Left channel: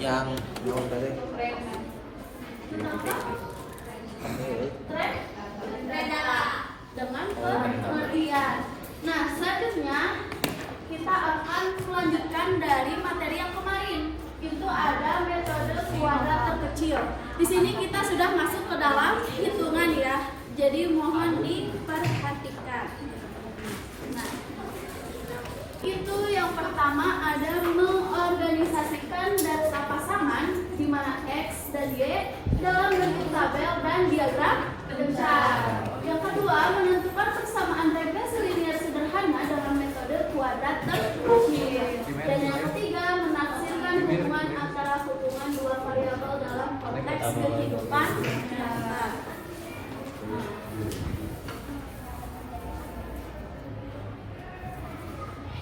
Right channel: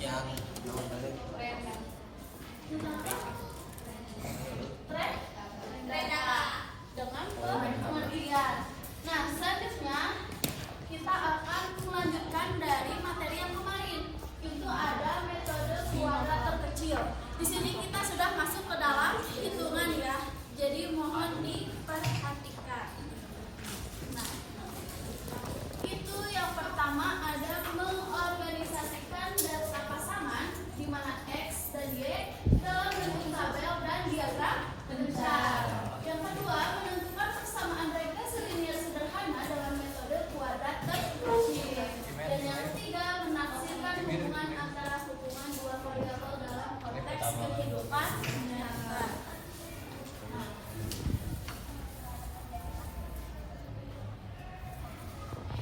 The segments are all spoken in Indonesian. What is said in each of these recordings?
Yang naon tadi? Dengan kemudian. Nah, selanjutnya kita akan melanjutkan dari materi yang kemarin. Itu ada metode kuadrat terkecil. Di sini kita sudah masuk ke dalam hitungan ya. Jadi mohon diperhatikan. Nah, itu yang pertama ada mengorganisasikan data pasangan di mana X dan Y dalam bentuk tabel dan diagram bencar. Yang kedua, menentukan persamaan regresi linear sederhana dalam metode kuadrat terkecil. Dan yang ketiga, menafsirkan hubungan antara hubungan dua variabel dalam konteks kehidupan nyata.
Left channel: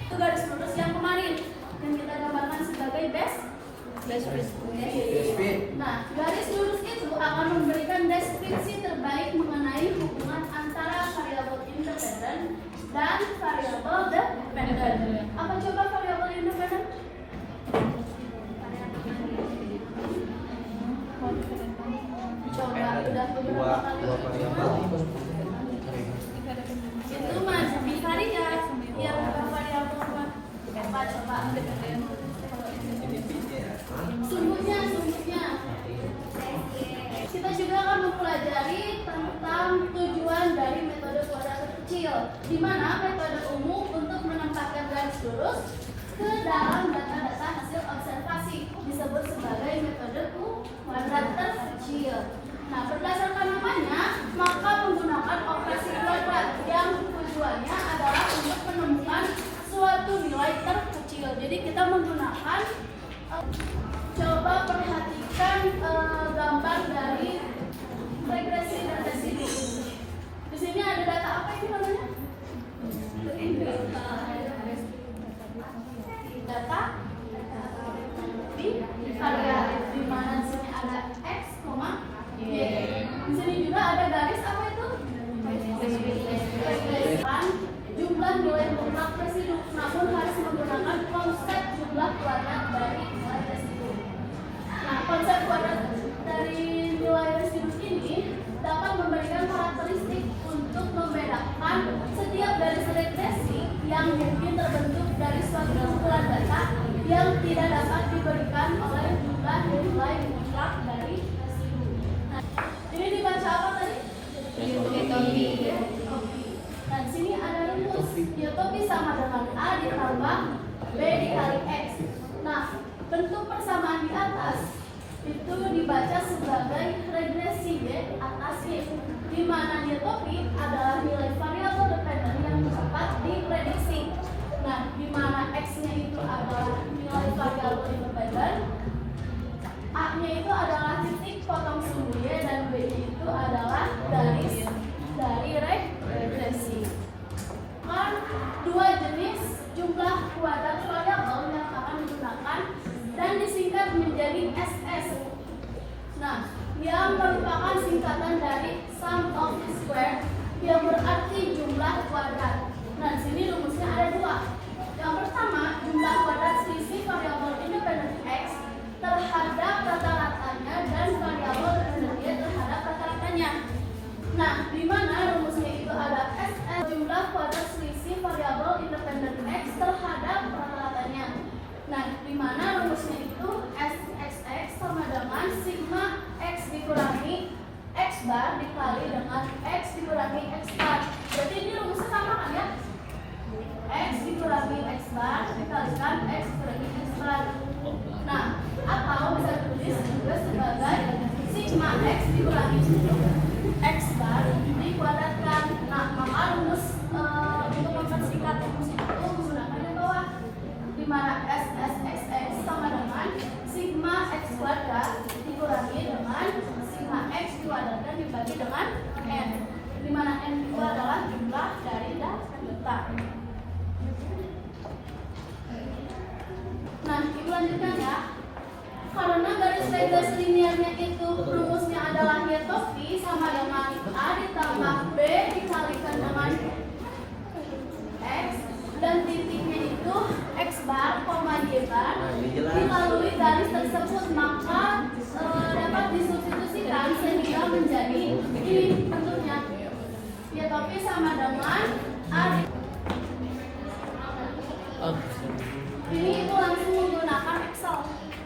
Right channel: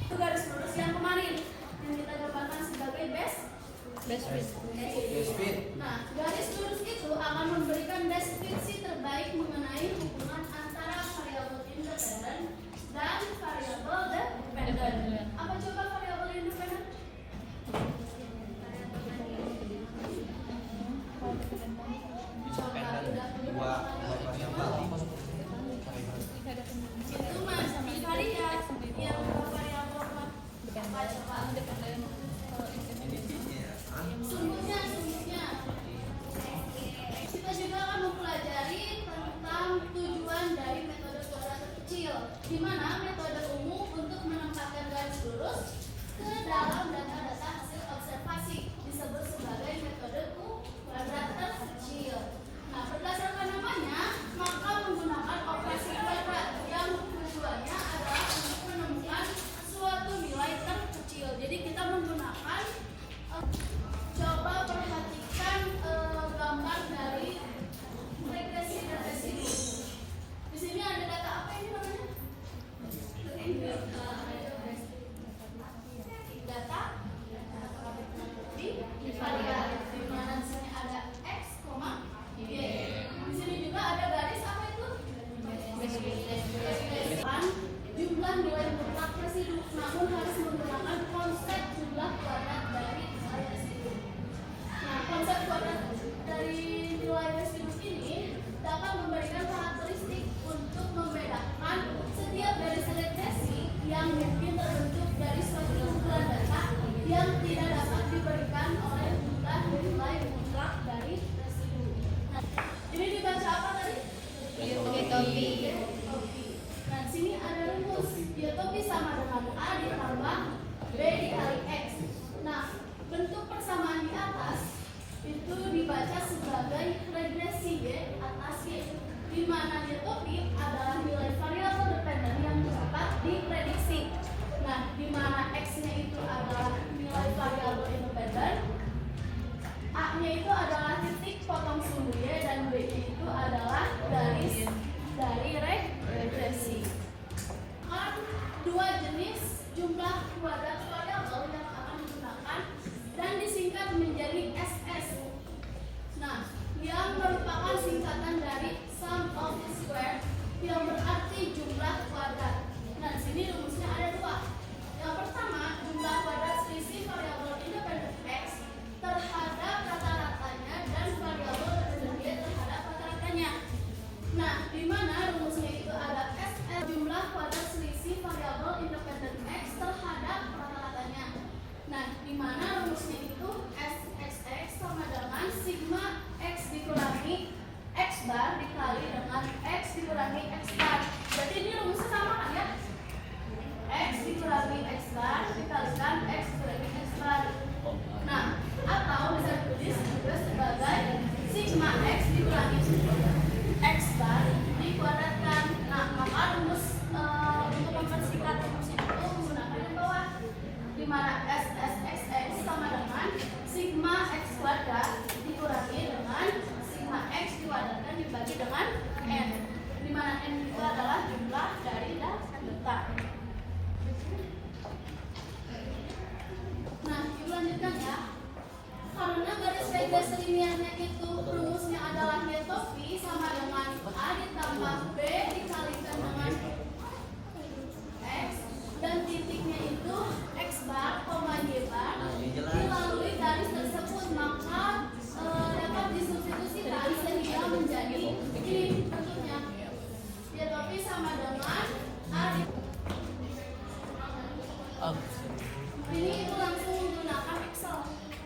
Itu garis lurus yang kemarin yang kita gambarkan sebagai base fit. Nah, garis lurus itu akan memberikan deskripsi terbaik mengenai hubungan antara variabel independen dan variabel dependen. Apa coba variabel independen? Coba udah beberapa kali itu mas bivariat yang berapa variabel apa coba? Sungguhnya kita juga akan mempelajari tentang tujuan dari metode kuadrat terkecil, di mana metode umum untuk menempatkan garis lurus ke dalam data-data hasil observasi disebut sebagai metode kuadrat terkecil. Nah, berdasarkan namanya, maka menggunakan operasi kuadrat yang tujuannya adalah untuk menemukan suatu nilai terkecil. Jadi kita menggunakan coba perhatikan gambar dari regresi dan residu. Di sini ada data apa ini namanya? Data bivariat, di mana di sini ada X, Y. Di sini juga ada garis apa itu? Jumlah nilai mutlak residu, namun harus menggunakan konsep jumlah kuadrat dari nilai residu. Nah, konsep kuadrat dari nilai residu ini dapat memberikan karakteristik untuk membedakan setiap garis regresi yang mungkin terbentuk dari suatu kumpulan data yang tidak dapat diberikan oleh jumlah nilai mutlak dari residu. Nah, ini dibaca apa tadi? Nah, di sini ada rumus utopis sama dengan A ditambah B dikali X. Nah, bentuk persamaan di atas itu dibaca sebagai regresi Y atas Y, di mana utopi adalah nilai variabel dependen yang dapat diprediksi. Nah, di mana X-nya itu adalah nilai variabel independen, A-nya itu adalah titik potong sumbu Y, dan B-nya itu adalah garis dari regresi. Dua jenis jumlah kuadrat variabel yang akan digunakan dan disingkat menjadi SS. Nah, yang merupakan singkatan dari sum of the square yang berarti jumlah kuadrat. Nah, di sini rumusnya ada dua. Yang pertama, jumlah kuadrat selisih variabel independen X terhadap rata-ratanya dan variabel dependen Y terhadap rata-ratanya. Nah, di mana rumusnya itu ada SS, jumlah kuadrat selisih variabel independen X terhadap rata-ratanya. Nah, di mana rumusnya itu SXX sama dengan sigma X dikurangi X bar dikali dengan X dikurangi X bar. Berarti ini rumusnya sama kan ya? X dikurangi X bar dikalikan X dikurangi X bar. Nah, atau bisa ditulis juga sebagai sigma X dikurangi X bar dikuadratkan. Nah, maka rumus untuk mempersingkat rumus itu menggunakan yang bawah, di mana SSXX sama dengan sigma X kuadrat dikurangi dengan sigma X dikuadratkan dibagi dengan N, di mana N itu adalah jumlah dari data. Nah, ibu lanjutkan ya. Karena garis regresi linearnya itu rumusnya adalah utopi sama dengan A ditambah B dikalikan dengan X, dan titiknya itu X bar, Y bar dilalui garis tersebut tersebut, maka dapat disubstitusikan sehingga menjadi ini bentuknya. Y topi sama dengan A. Ini ibu langsung menggunakan Excel.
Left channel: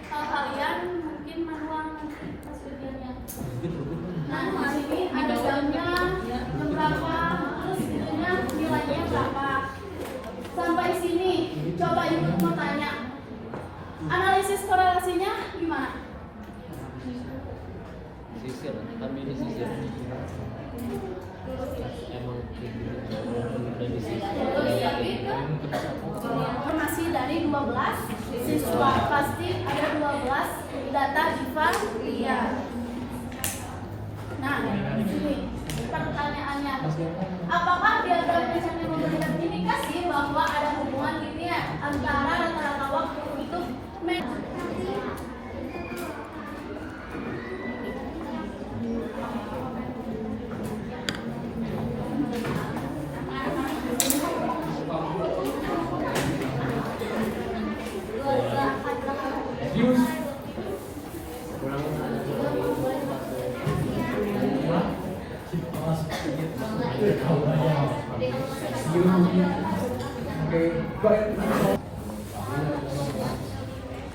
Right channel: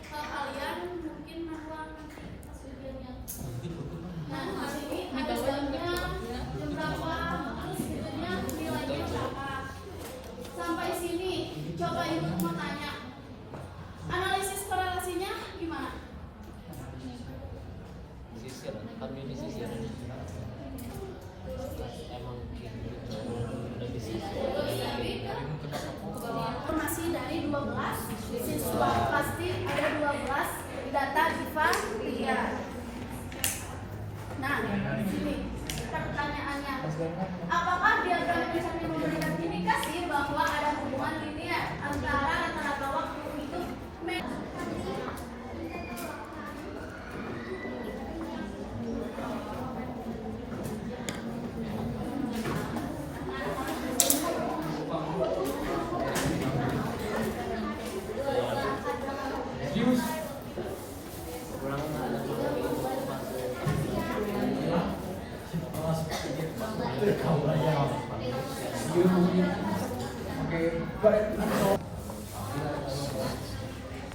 Kalau kalian mungkin manual pas ujiannya. Nah, hari ini ada jamnya, jam berapa, terus itunya nilainya berapa. Sampai sini, coba ibu mau tanya. Analisis korelasinya gimana? Informasi dari 12 siswa, pasti ada 12 data diva pria. Nah, ini pertanyaannya, apakah diagram pencarian memberikan indikasi bahwa ada hubungan linear antara rata-rata waktu untuk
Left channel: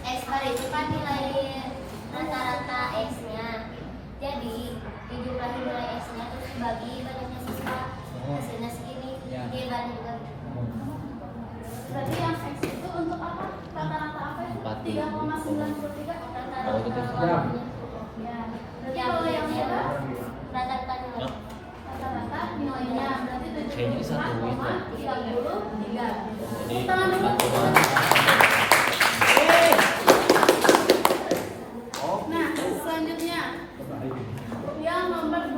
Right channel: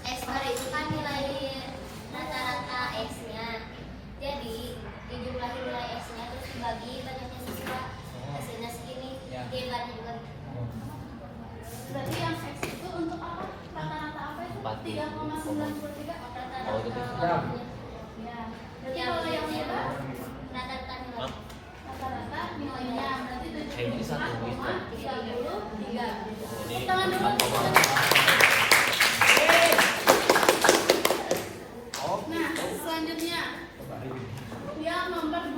X-bar itu kan nilai rata-rata X-nya. Jadi dijumlahi nilai X-nya terus dibagi banyaknya siswa. Hasilnya segini. Dibagi juga. berarti yang X itu untuk apa? Rata-rata apa itu? 3,93 Rata-rata waktunya. ya. Berarti kalau yang lebar Rata-rata nilai. rata-rata nilainya berarti 74,33. Tepuk tangan dulu. Nah, selanjutnya yang nomor 2.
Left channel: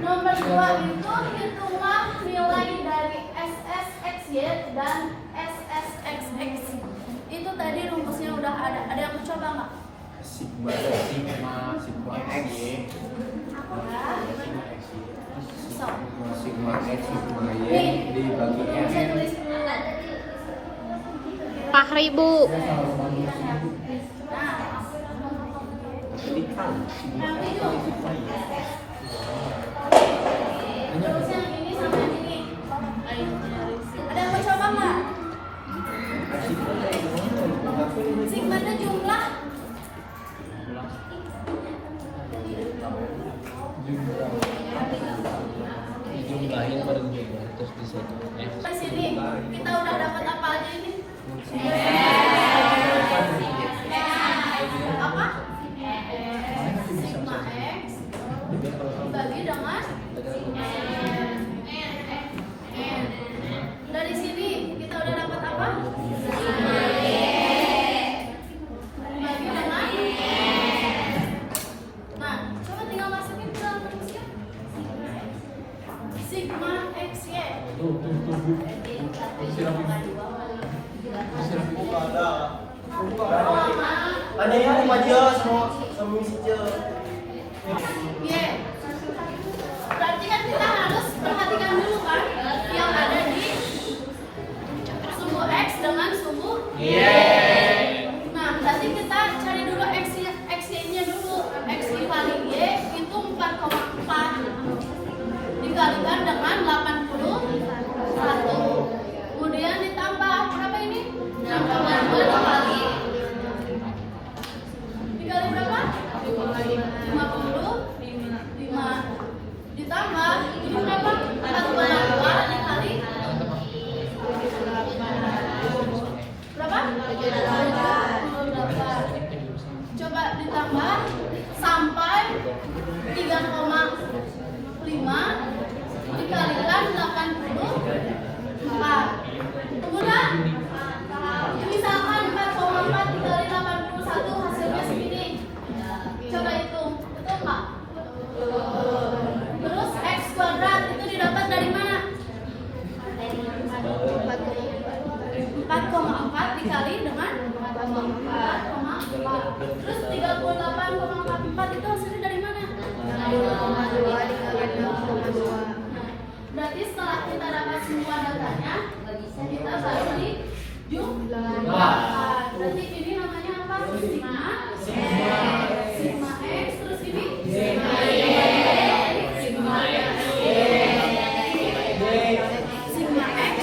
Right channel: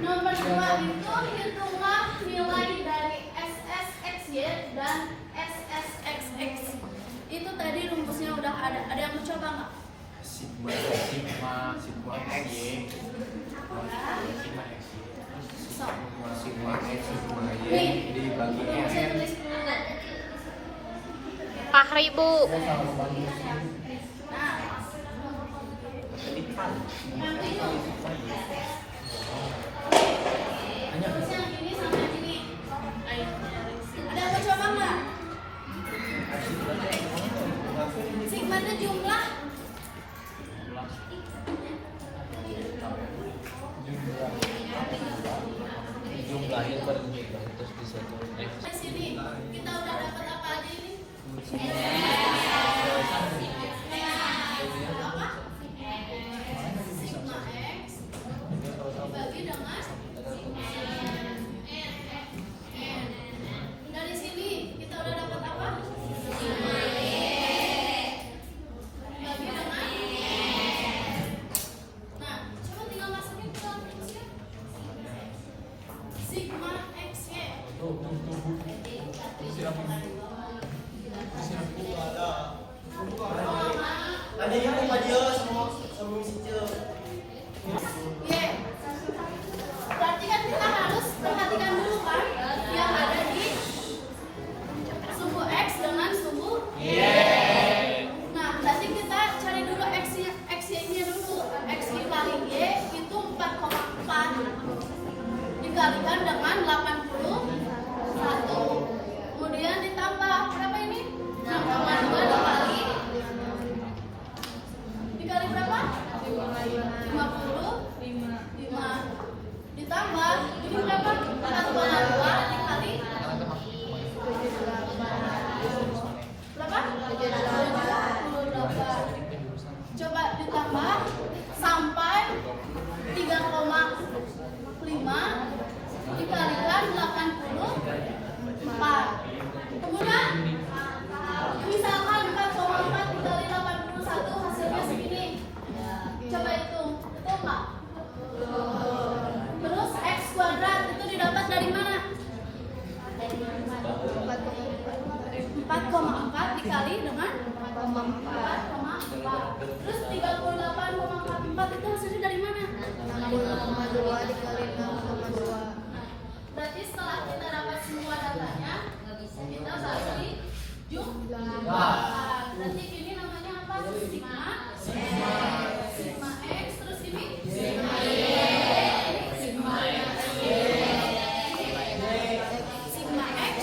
Nomor 2 itu hitunglah nilai dari SSXY dan SSXX. Itu tadi rumusnya udah ada. Ada yang mau coba nggak? Sigma X, Ya. So. Sigma X, Sigma Y Nih, dibagi rumusnya tulis. Fahri, Bu. Nah, yang itu. Terus yang ini sama yang ini. Ada yang mau coba nggak? Sigma itu jumlah. jumlahnya paling juga terus bisa Di sini kita udah dapat apa aja ini? Apa? Sigma X dibagi dengan dari sini kita udah dapat apa? Dibagi dengan. Nah, coba tinggal masukin ke rumusnya. Sigma XY. ada yang mau aja sama misi Y. Berarti kan kita harus perhatikan dulu kan yang ada di sumbu X dengan sumbu Y. Nah, berarti kita cari dulu X-nya dulu. X dikali Y itu 4,4 dikalikan dengan 81. Kemudian ditambah berapa ini? 6,2 dikali berapa? 55 ditambah ini berapa? 4,2 dikali berapa? 78. Coba ditambah sampai 3,5 dikalikan 84. Kemudian misalkan 4,4 dikali 81 hasilnya segini. Coba hitung, betul nggak? Terus X kuadrat itu didapat dari mana? 4,4 dikali dengan 4,4. Terus 38,44 itu hasilnya dari mana? Berarti setelah kita dapat semua datanya, kita bagi Sigma X, terus ini Sigma X.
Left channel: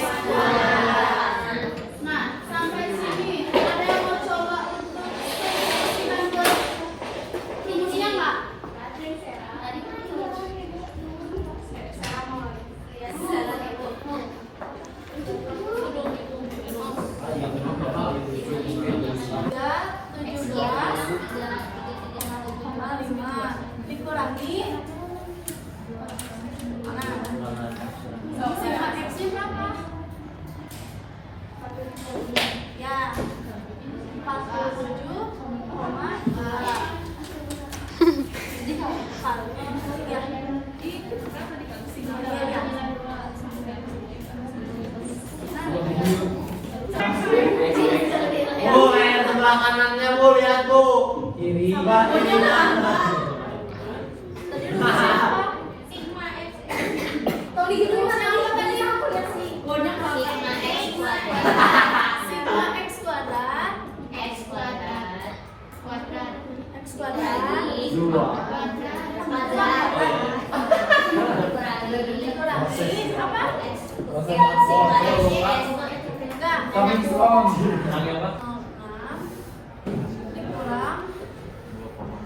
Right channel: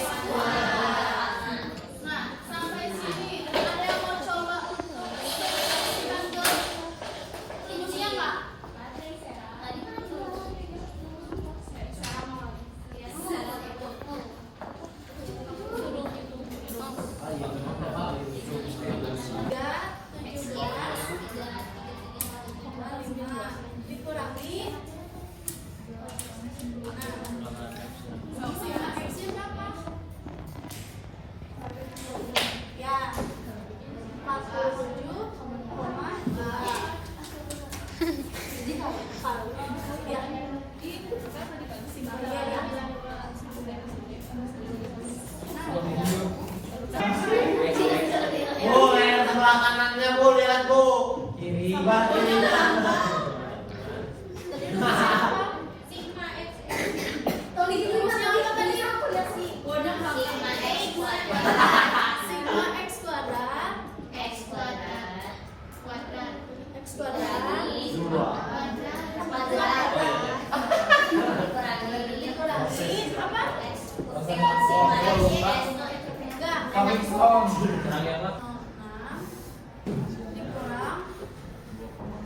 Nah, sampai sini ada yang mau coba untuk solusikan ke rumusnya nggak? Dikurangi Sigma X-nya berapa? Ya, 47,2. Jadi kalau ya, Bu, yang sebelah kanannya Bu, lihat Bu. Kiri. Sigma X. Tadi itu apa tadi? Sigma Sigma X kuadrat X kuadrat X kuadrat Dua. dikurangi apa? Enggak. Coming from.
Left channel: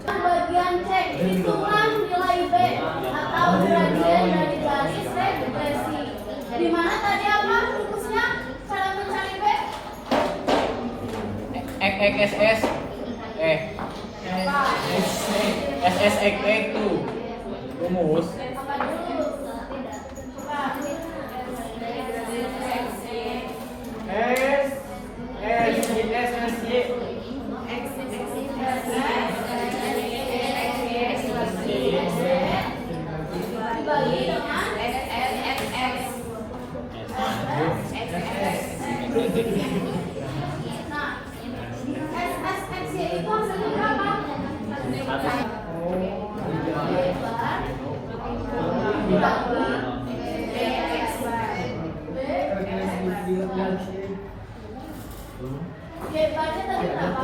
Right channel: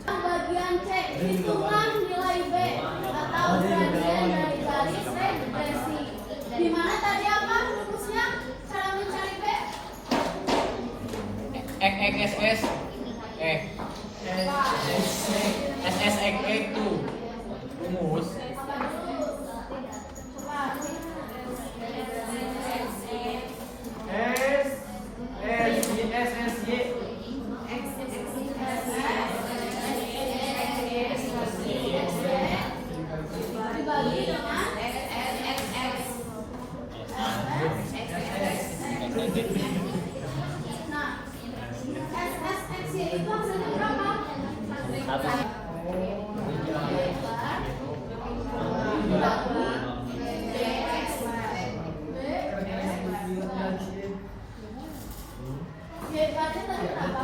Bagian C, hitunglah nilai B atau gradien dari garis regresi. Di mana tadi apa rumusnya? Cara mencari B? XXS Apa? SSX itu rumus Apa dulu? Coba. Dibagi dengan Nah, SSXY itu hasilnya berapa? Baca tadi berapa?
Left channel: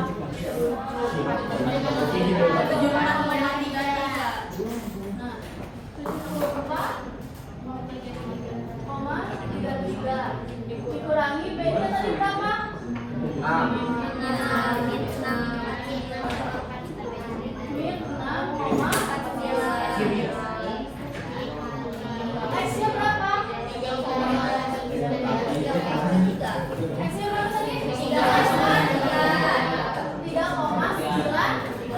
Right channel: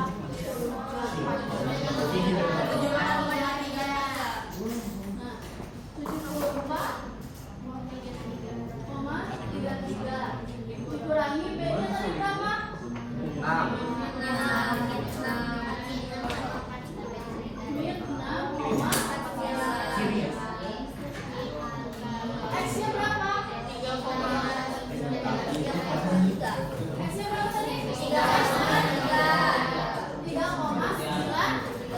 74,33 dikurangi B-nya tadi berapa? 6,4 X-nya berapa? X-nya berapa tadi? 3,93.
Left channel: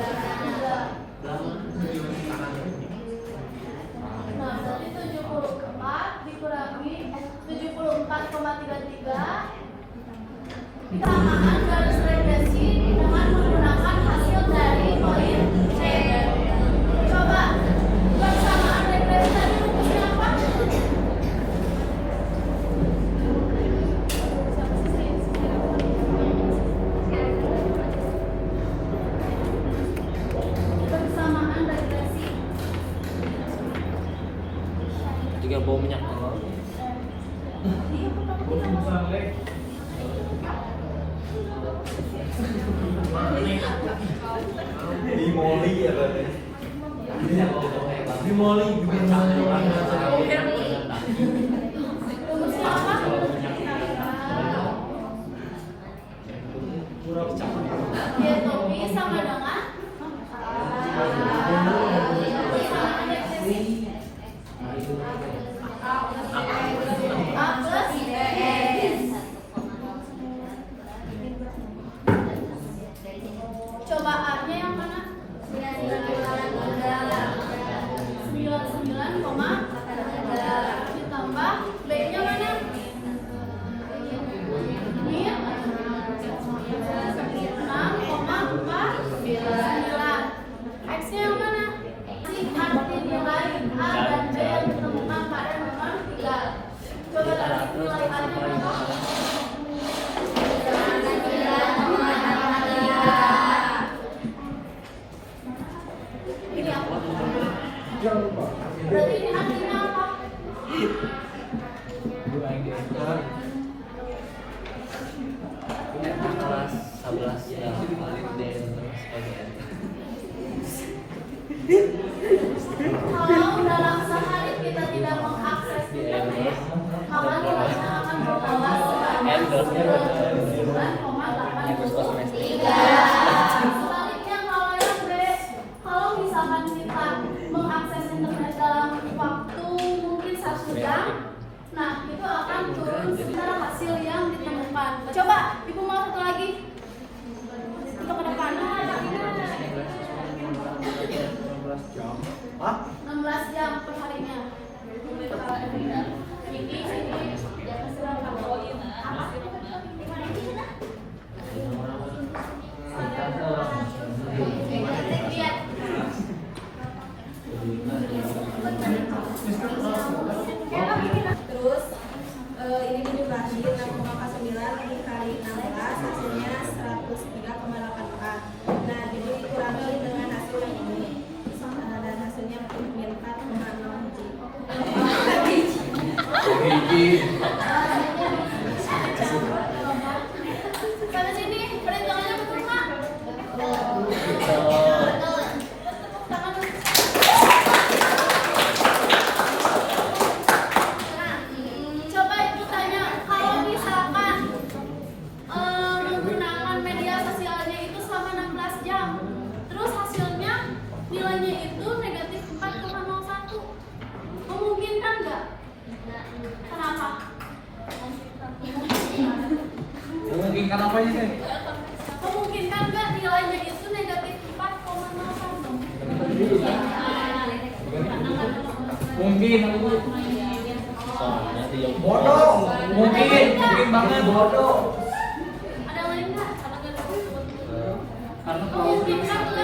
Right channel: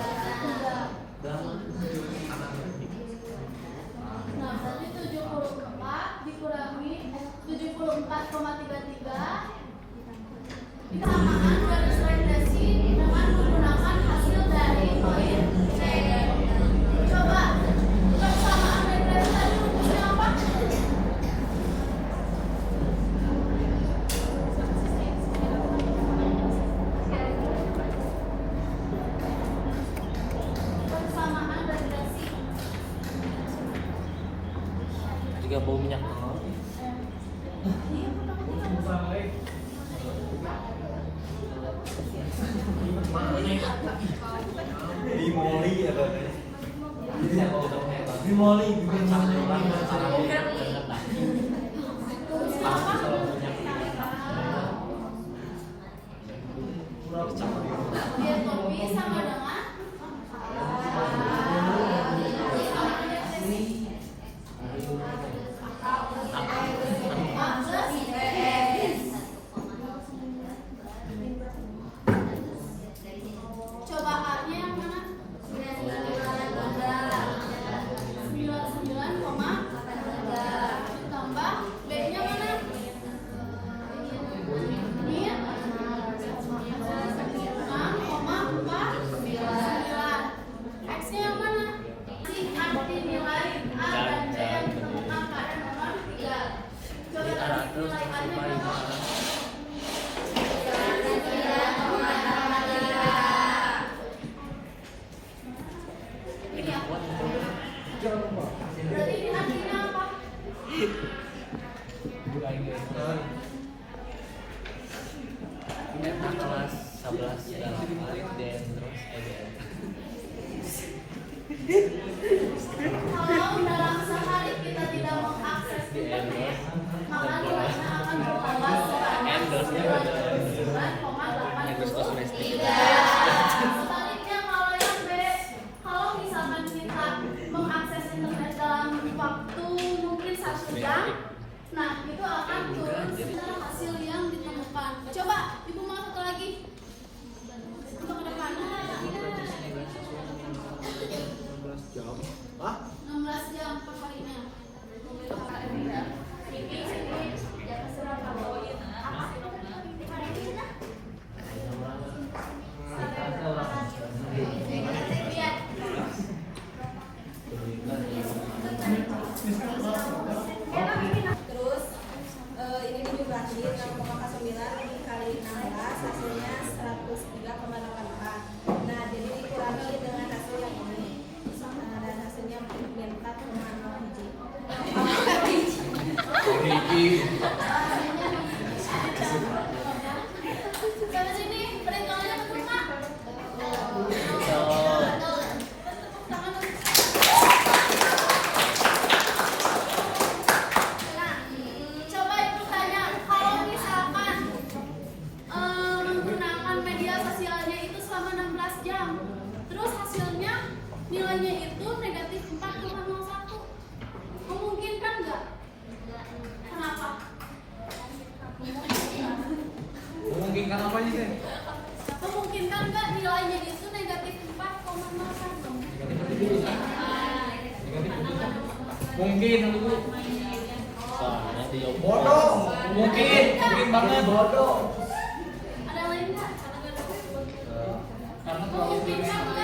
Nah, berarti 74 dikurangi 74,33 kesamaan garis regresi dengan menggunakan hasil dari poin C. Coba persamaan regresi tadi rumusnya apa? Persamaan regresi. tiga bom minyak Dimoli ya berarti. Dimoli. Rumusnya apa? Dia topi sama dengan persamaan regresi. A plus B. Coba A-nya yang mana? 99,3 ditambah B-nya mana? Ini 6,49. X-nya yang mana? Arti nilai A dan B yang ditemukan pada nomor 3. Coba cari nilai A-nya berapa? Ini apa? Berarti ini artinya apa? 16 ya dan Kalau dalam sehari kita tidak mengakses internet, maka nilainya akan bertambah sebanyak 99,83. Sebaliknya kalau yang B, kalau misalkan kita mengakses internet dalam waktu mungkin 1 jam, nah itu akan turun sebentar hasil yang ditemukan. Coba ibu mau satu lagi untuk ke depan. Hah? 16 jam per harinya. Terus ini dijumlahi 6,9 dikali 16 hasilnya 103,84. Nah, jadi dikurangi dengan hasil yang ini. Dan hasilnya min 4,0 Pada sini, perhitungannya betul nggak? Tepuk tangan. Nah, coba ibu tanya, kalau misalkan menggunakan media sosialnya itu selama 16 jam, terus hasilnya nilainya itu negatif 4,01, memungkinkan nggak? Kenapa? memungkinkan apa aja sih? Memungkinkan nggak nilainya itu negatif 4,01? Mungkin Bodoh. mungkin banget Bodoh. Ada yang lain nggak? karena Memungkinkan nggak